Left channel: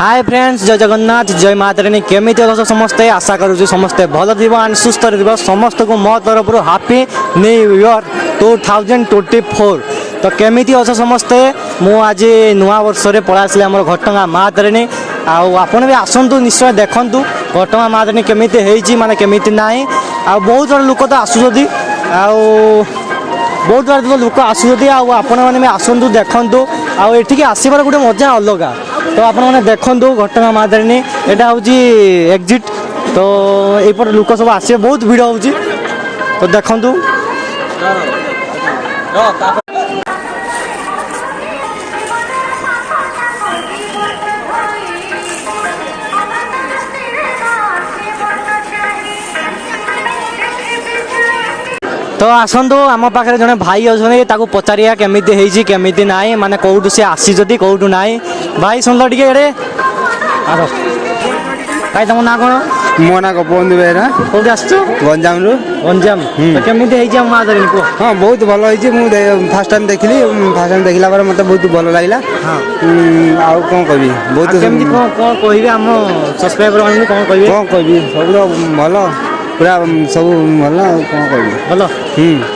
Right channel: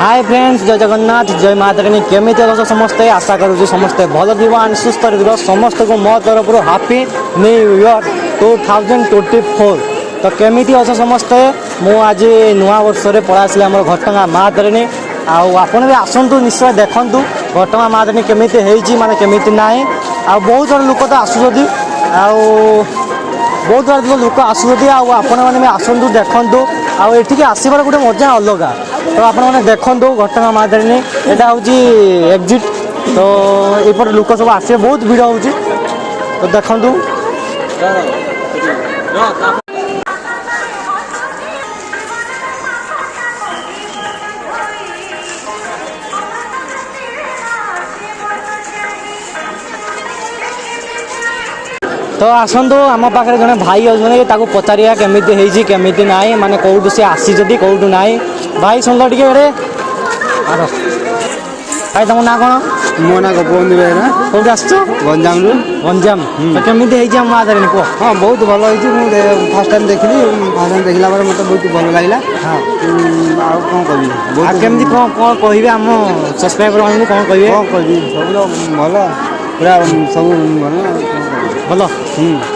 Hi friends, जय जगन्नाथ, जय मातारानी। केमिति अछ समस्ते? आशा करूँ समस्ते भल थी एंड सुस्थ रह। समस्त को मो तरफ हैप्पी न्यू ईयर 2024। तो केमिति अछ समस्ते? मु आज नुआ वर्ष रे पड़ा आसली आम घटगाँ मातारानी। आपन भी आसतु निश्चय देखु घटगाँ मातारानी केमिति होइछि माने केमिति नाही। बहुत जन लोक तो आसुछथि बहुत बड़ा लोक आसुँच आपण मैंने आसतु देखु आठिक आसबार गोटे मजा अलग। तो आप देखु घटगाँ मातारानी यहाँ हूँ एग्जिट। तो यपर लोक सब आसे बहुत भिड़ हो तो देखु। तो आसतु आम पाखे जड़े भाई अच्छा पचारिया केमिति होइछि केमिति नाई माने कौटू सी आसी कौटू नाई। भाई सुन टे भाई तुम ना कौन? मो ना गोपबंधु बेहरा। कौट आस? गंजाम रु। गंजाम। तो केमिति होइछि आम मातारानी को? हाँ बहुत भल होइछि। मु फर्स्ट टाइम देखली। फर्स्ट टाइम देखला पर मते बहुत भल लागला। हां आ कोन कहबी बहुत केमिति कोन कहबे आम सब्सक्राइबर मानू कोन कहबे? कोन कहबी सब भल पूरा सब भल कोन कहबी भल।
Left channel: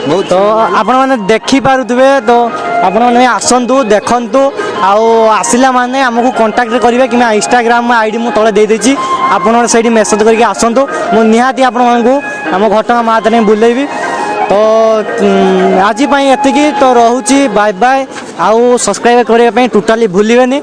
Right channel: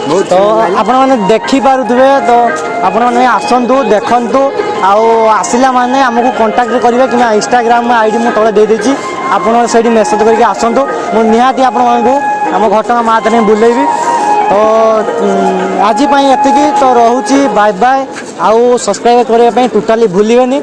बहुत। तो आपण माने देखि पारुथबे तो आपण माने आसंतु देखंतु आसिला माने हमको कांटेक्ट करिवे कि इंस्टाग्राम आईडी मु तळे दे देछि। आपण सेठी मेसेज करके आसंतु मु निहाती आपण मानकु हम घटगाँ मातारानी बुलेइबी। तो आज एतिकी तो रहूची बाय बाय। आउ सब्सक्राइब करने टोटाली भूलिबेनी।